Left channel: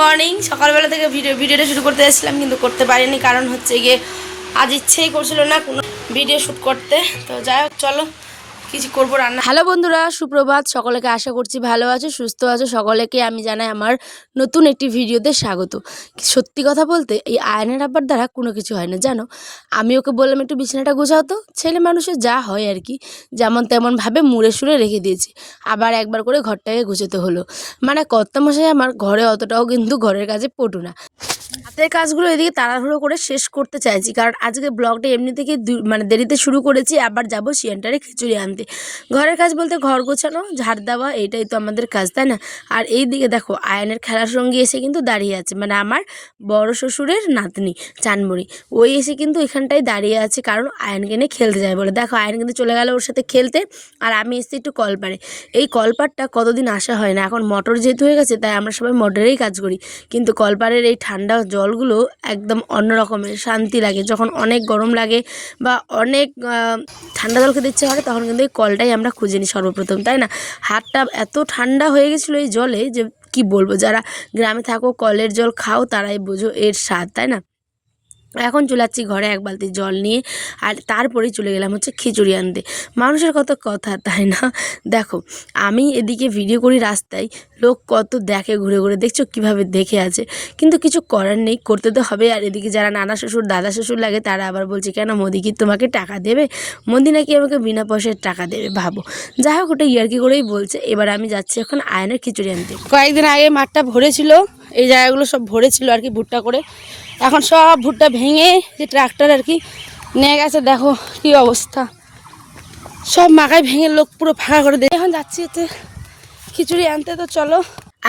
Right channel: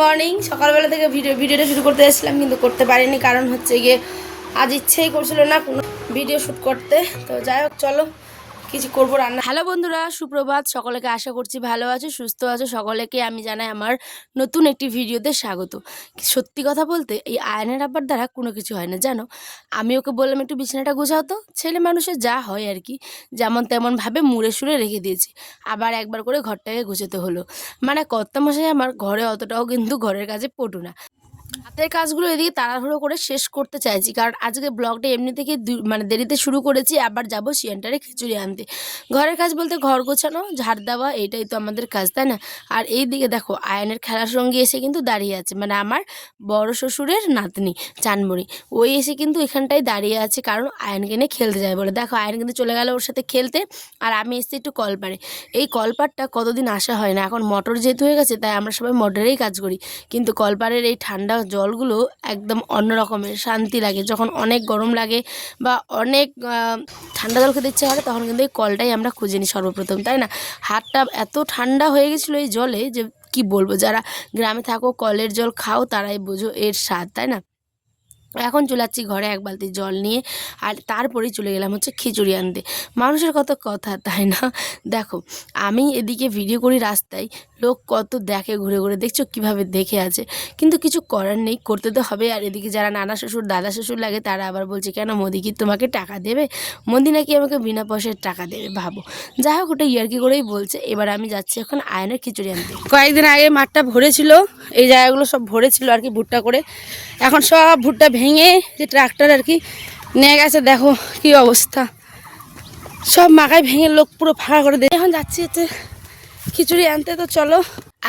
Morning সকালবেলা থেকে ভিডিওটা শুরু করতে এসেছিলাম কিন্তু করতে পারিনি, কারণ হচ্ছে গিয়ে আজ ইচ্ছেই করছিল না কোনো ভিডিও শ্যুট করতে। তো যাই হোক, চলো কিছু করবো রান্না। হ্যালো বন্ধুরা, সুপ্রভাত। সকলকে আশা করছি ভালো আছো, সুস্থ আছো। সকলকে আমি জানাই আমার নতুন একটি ভিডিওতে স্বাগত। সত্যি কথা বলতে এই আয়নের আব্বার দ্বারা কোনো কিছু হয় না, জানো। আমি ওকে বললাম একটু বিছানাটা গোছাও তো, ছেলে মানুষের যা হয় আর কি, যেমন তেমনভাবে মুড়ে সুড়ে রেখে দিয়েছি। আবার একবার করে ঘরটাকে গুছাতে হলো। মানে কর্তামশাই আমার ঘরে অতটাও কিন্তু ঘরের কাজে পটু না। হাতের কাজগুলো এদিকে তাড়াহুড়ো করে শেষ করতে চাইছি, কারণ আজকে ব্লগটা এমনি থেকে মানে দেরিতে শুরু করেছি। আবার যাব সেন্টারে খিচুড়ি আনতে। ঘরের কাজ বলতে ঘর গোছানো, ঝাড় দেওয়া, এটাই তো আমাদের কাজ, তাই না। আর এই দিকে দেখো আয়নের খেলার সঙ্গে এসে কিন্তু দাঁড়িয়ে আছে, মানে আমার বড় শ্বশুরের নাতনি চানমুড়ি, ওই এসে কিন্তু এখানটায় দাঁড়িয়ে আছে, কারণ আয়নকে নিয়ে খেলতে যায় বলে। দেখো আয়ন কিন্তু চলে গেল ওর সাথে খেলতে, আর আমি এসেছি একটু কলপারে। এই কলপারটা কতদিন আসা হয় না, এখন মোটর যেহেতু হয়ে গেছে তাই আমরা সবাই মোটরেই কাজ করি। কিন্তু কলপারের এই ঠান্ডা জলগুলো একদম অন্য রকমের শান্তি লাগে। যখন অনেক গরম লাগে বা অনেক ঠান্ডা জল খেতে ইচ্ছে হয়, তখন কিন্তু এই কলটাই আমরা খুঁজে নিই সর্বপ্রথম, তাই না। হাতটা এত ঠান্ডা হয়ে গেছিলো এই জলে যে কি বলবো, যারা গ্রামে থাকো কলের জল খাও তারাই বোঝো এর স্বাদ, তাই না। এখন চলে যাচ্ছি ঘরে এক বালতি জল নিয়ে, আর তারপরেই চলে গেলাম হচ্ছে খিচুড়ি আনতে। মানুষের কত কথা, তাই না। দেখো আমি এদিকে ভিডিও করি রাস্তায়, লোক কত দেখে ঘুরে ঘুরে, দেখছো কিভাবে দেখে আছে, কিন্তু কিছু করার নেই, করতে তো হবে। আর এদিকে যারা নানা শ্বশুর দাদা শ্বশুর লাগে তারা আবার বলছে কেন মোদি কি তোমাকে টাকা দেবে, মোদি নাকি আমাকে বিনা পয়সায় টাকা দেবে, ভাবো। যাই হোক ওটা ইয়ার্কি করেই বলছে। এবার আমি যাচ্ছি এখন আয়নের খিচুড়ি আনতে। কয়েকদিন আগে মাঠটা ভরেছিল, এই জায়গাগুলো সব ভরেছিল আর কি ভুট্টা করে। এখন সব ভুট্টা ভেঙে যে ট্রাক্টর আর কি নিয়ে গেছে, দেখো কি অবস্থা, সব মাকায় ভেঙে লোক পুরো ফাঁকা করে দেয়। এখন যাচ্ছি হচ্ছে খিচুড়ি আনতে। তো চলো।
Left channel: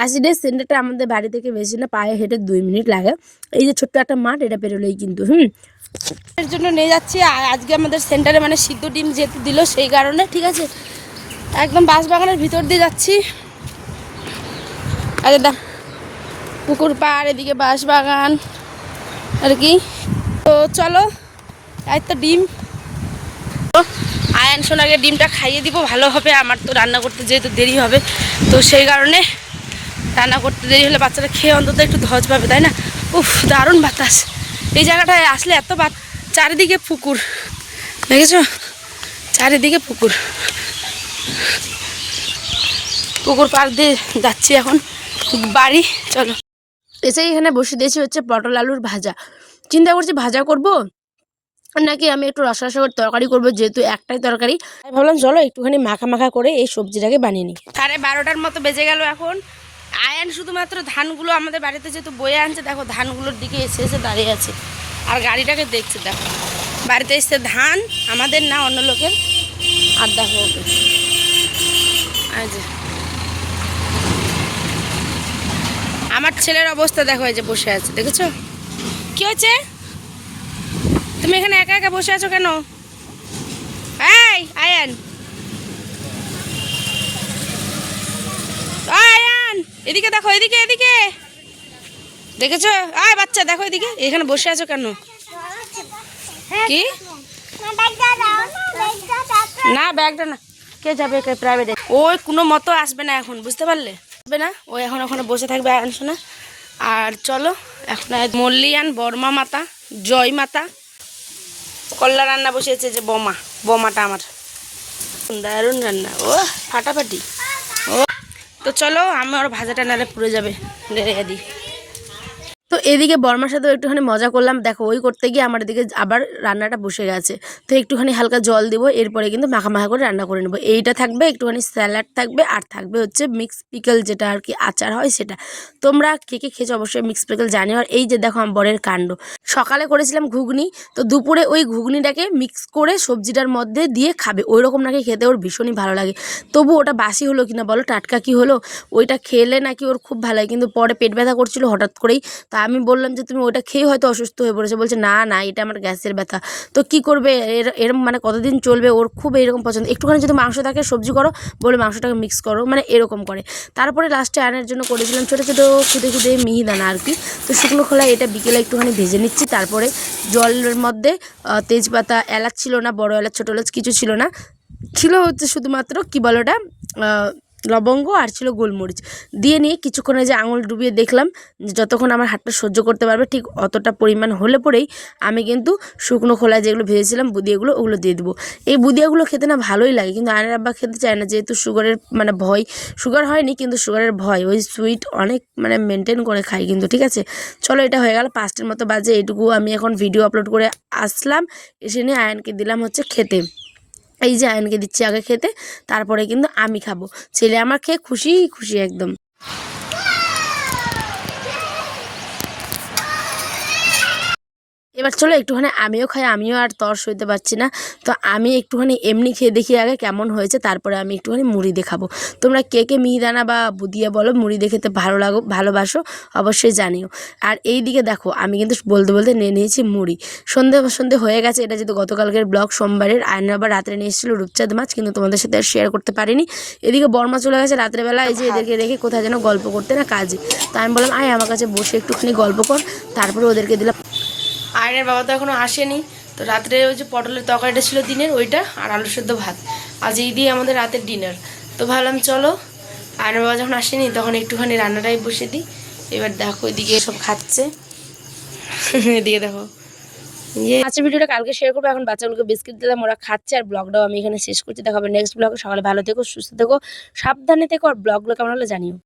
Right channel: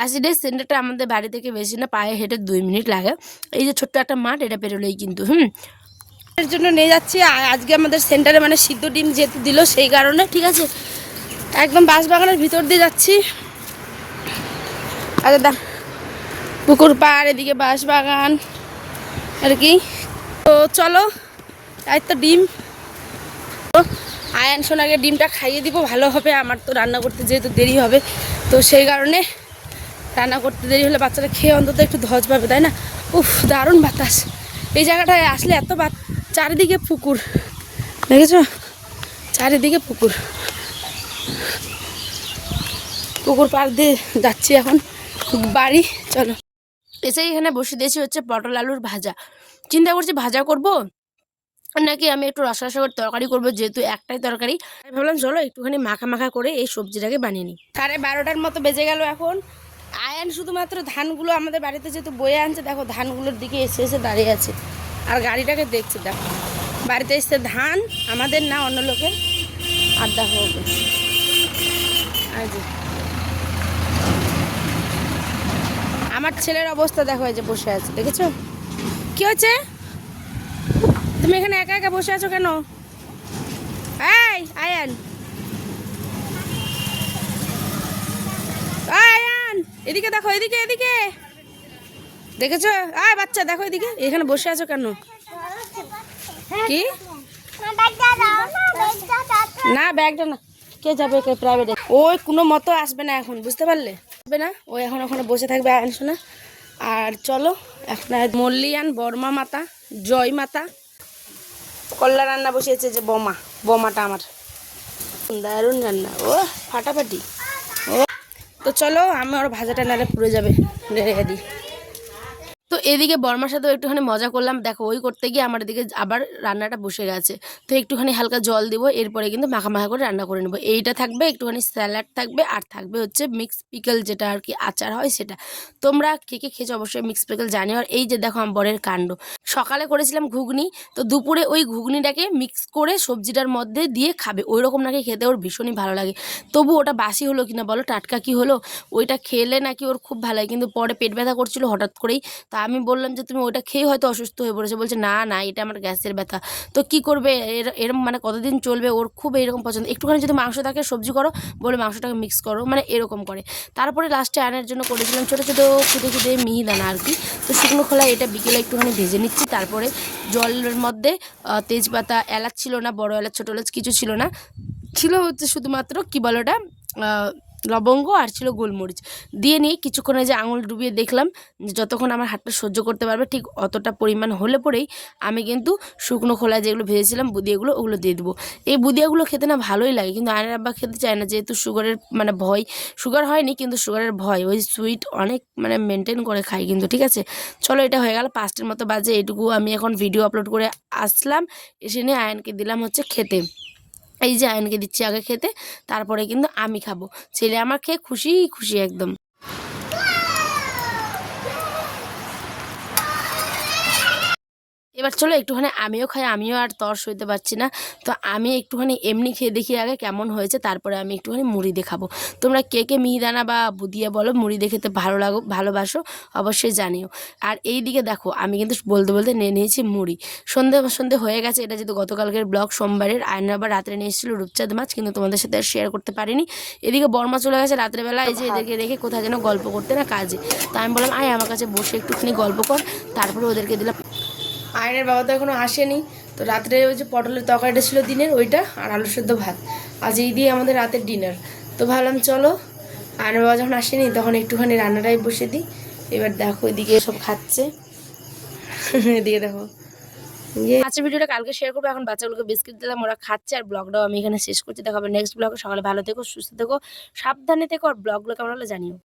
আসিডের সেন্টারটা আমাদের বাড়ি থেকে বেশি না, পায়ে হেঁটে 2 মিনিট লাগে। এই যে ছোট্ট একটা মাঠ, এটা পেরোলেই কিন্তু এর জন্য নিয়ে যাচ্ছি। আজকে আমাদের সেন্টারে মানে সিদ্ধ ডিম যেতে দিল, সেই কারণে ঠিক আছে একদম বাঁশবাগানের ভিতর দিয়ে যাচ্ছি। আর পুকুর পাড়, এদিকে বাঁশবাগান আর কি। তো চলো, তাই তো ডিম আয়ন সোনাকে ডিমটা খাইয়ে দিব, ভালো হবে। আমার তো রান্না করতে যেহেতু দেরি হবে, তো সেই কারণে রান্না করতে দেরি হলে বাচ্চারা খেয়ে অন্তত একটু ধজ পাবে, তাই না। উফ, দারুণ বাতাস। এই জায়গাটায় আসলে এত চারিদিকে পুকুর, দেখেছো, চারিদিকে পুকুর। পুকুর পাড় দিয়ে যাচ্ছি এখন বাড়ি। চলো, এসে এখানে বসে দিয়েছি হচ্ছে পটল আলুর ভাজা। চিন্তা করছি ভাজা করব নাকি আমি একটু রসা করে তরকারি করবো, যেহেতু একটাই তরকারি। আমি ভাবলাম চলো একটুখানি মাখা মাখা করে এই সবজিটাকে বানিয়ে নিই। 12:30 মতো বেজে গেল এখন। আয়ন শুধুমাত্র ধানগুলো আমাদের বাড়িতে যেহেতু বয়ে আনছে, দেখো ধানগুলোর দিকে এসে এসে দাঁড়িয়ে আছে আর গাড়িটাকে দেখছে। দেখো বাড়িতে এসছে ধান, আমাদের না অন্য লোকের। আর দেখো ওকে, আর যে আমার ছেলের অবস্থা দেখো, এই যে বসে আছে, দেখেছো কি হচ্ছে। তুমি এখানে একা একা বসে আছো কেন? এই আয়ান, আয়ান এদিকে দেখো, এদিকে এদিকে, দেখেছো? আয় বাচ্চা দেখো এদিকে, এখানে বসে আছো কেন? কি না, ব্যাগটা না, কে যাবে প্রাইভেটে? ওই কোনো মতো আসবে না এখন, বুঝতে পারলে, আসবে না। ও এখন ওখানে বসে থাকবে আয়ান শোনা। আর চলো এখন মল্লিয়ান, বর্মা মাতা, জয় মাতা, কল্লা রান্না বসিয়েছে যে বোমাটা আমার দারুণ রান্না, ও ফাটাফাটি। ও তো চলো, আমি ওর ভাজাটা নালে পুড়ে যাবে, রেখে দিই। তো এদিকে বর্মার সাথেও একটুখানি মজা করলাম। দেখো ওই করতে গিয়ে আমার দিকে আবার রান্নাটা বসে গেছে। তো একটুখানি হালকা জল দেবো, এরপরে কিন্তু মাখা মাখা করে রান্না করে নেবো। এইটা থাকবে, একটুখানি স্যালাড থাকবে, আর থাকবে হচ্ছে মিক্স পিকল, যেটা আর কি আচার হয় সেটা। তোমরা কে কে খেয়েছো অবশ্যই মিক্স পিকল জানিও। আর এই যে দেখো আমার বরের কাণ্ড, সকালে করেছিলাম ঘুগনি, তো দুপুরে ওই ঘুগনিটাকে মিক্স করে সবজিটার মধ্যে দিয়ে খাবে, ওই রকম নাকি খেতে ওর ভীষণই ভালো লাগে। তবু ওটা বাসি হলো কিনা বলো, টাটকা কি হলো, ওইটা খেলে নাকি ওর খুব ভালো লাগে। কিন্তু পরে পেট ব্যথা করছিল হঠাৎ করেই, তা আমি আমি বললাম যে তুমি ওটা খেয়ে হয়তো অসুস্থ হয়ে পড়েছে, বলছে না না এটা আমার গ্যাসের ব্যথা। তো কি করবে, এরম মানে কতদিন চলবে, ওর খুব এরকম পছন্দ। একটুখানি যদি মাংস থাকে সবজি করো, বলে মাংসটাকে মিক্স করো, মানে এরকম করে। তারপরে লাস্টে আয়নার জন্য করেছিলাম ছোটো ছোটো খুদে খুদে মিহিদানা আর কি। তো শুকনো খোলা এটা বিকেলে একটুখানি ভেজে নিচ্ছি। তারপরে জলের মধ্যে তেজপাতা, এলাচ ছিল না, বড় এলাচ ছোটো এলাচ কিছু ছিল না, ছিল হচ্ছে শুধুমাত্র কী বলো ওটা, লবঙ্গ, আর ছিল গোলমরিচ দিয়ে নিয়ে কিছুক্ষণে যে আঙুল ডুবিয়ে দেখলাম যে যতক্ষণ আমার হাতটা সহ্য করতে পারবে ঠিক অতটা পরিমাণ হলে পরেই আমি কিন্তু শুকনো খোলায় যেগুলো ভেজেছিলাম বুদিয়াগুলো ওগুলো দিয়ে দেবো। এই বুদিয়াগুলো খেতে না ভালোই লাগে, কিন্তু আয়নার আব্বা খেতে চায় না, যেহেতু সুগারের মানে ভয়, সুগার হয়নি কিন্তু সুগারের ভয়, ওই সুইট অনেক মানে মেনটেন করে খাই কিন্তু। ঠিক আছে, চলো এটা হয়ে গেল 5টার মতো বাজে, এইটুকু আমি এখন ভিডিও আপলোড করে আসলাম, এসে নিয়ে আয়নকে দিলাম হচ্ছে খেতে। এই যে আয়নকে দিচ্ছি আগে খেতে, তারপরে কিন্তু আমি খাবো। ছেলে আমার খেয়ে খুশি খুশি একদম। এবার চলো একটুখানি আমিও খাই, আমিও আর তর সইতে পারছি না। তো আমি একটুখানি এমনি খেয়ে দেখি আগে কেমন হয়েছে, তারপরে আমি একটুখানি মুড়ি দেখাবো। তোমরা কে কে মিহিদানা বা বুদিয়া বলো মুড়ি দিয়ে খেতে ভালোবাসো অবশ্যই জানিও। আর এই দিকে দেখো আমি কিন্তু বলতে বলতে নিয়ে নিয়েছি মুড়ি। সন্ধে হয়ে গেছে, এটা যেহেতু গতকালকের ব্লগ সোমবারের। আয়না আবার রাত্রে নিয়ে এসেছিলো রূপচাঁদ মাছ, কিন্তু তোমাদের সাথে আর শেয়ার করতে পারিনি। এদিকে বর্মা চলে গেছে রাত্রেবেলা, এই যে এদেরকে রেখে কোথায় যেন গল্প করতে না কাজে। তা আমি বললাম আয় আমার কাছে বসে একটুখানি গল্প কর, তারপরে ওদেরকে দিলাম। আয়নের বাবা তো এখনও আসেনি, তো রাত্রে ওই যে পটলের তরকারিটা ছিল দিনের ওইটা, আর আলু সেদ্ধ ভাত, আজ এই দিয়ে আমাদের রাতের ডিনার। তো ভাবলাম চলো আয়নের বাবা যখন আসেনি তখন একটুখানি রান্নাটাই বসে দিই। এবার দেখো এদিকে সব খাচ্ছে, এদিকে দেখো আজকের ভিডিওটা কালকে শেয়ার করবো। এখন বাচ্চাগুলোকে বিস্কিট দিলাম, ওরা খাচ্ছে, আর ব্লগটাও আমি এখানে শেষ করছি। দেখা হবে নেক্সট ব্লগে। সকালে ভালো থেকো, সুস্থ থেকো, সাবধানে থেকো, আর ব্লগগুলো কেমন হলে জানিও।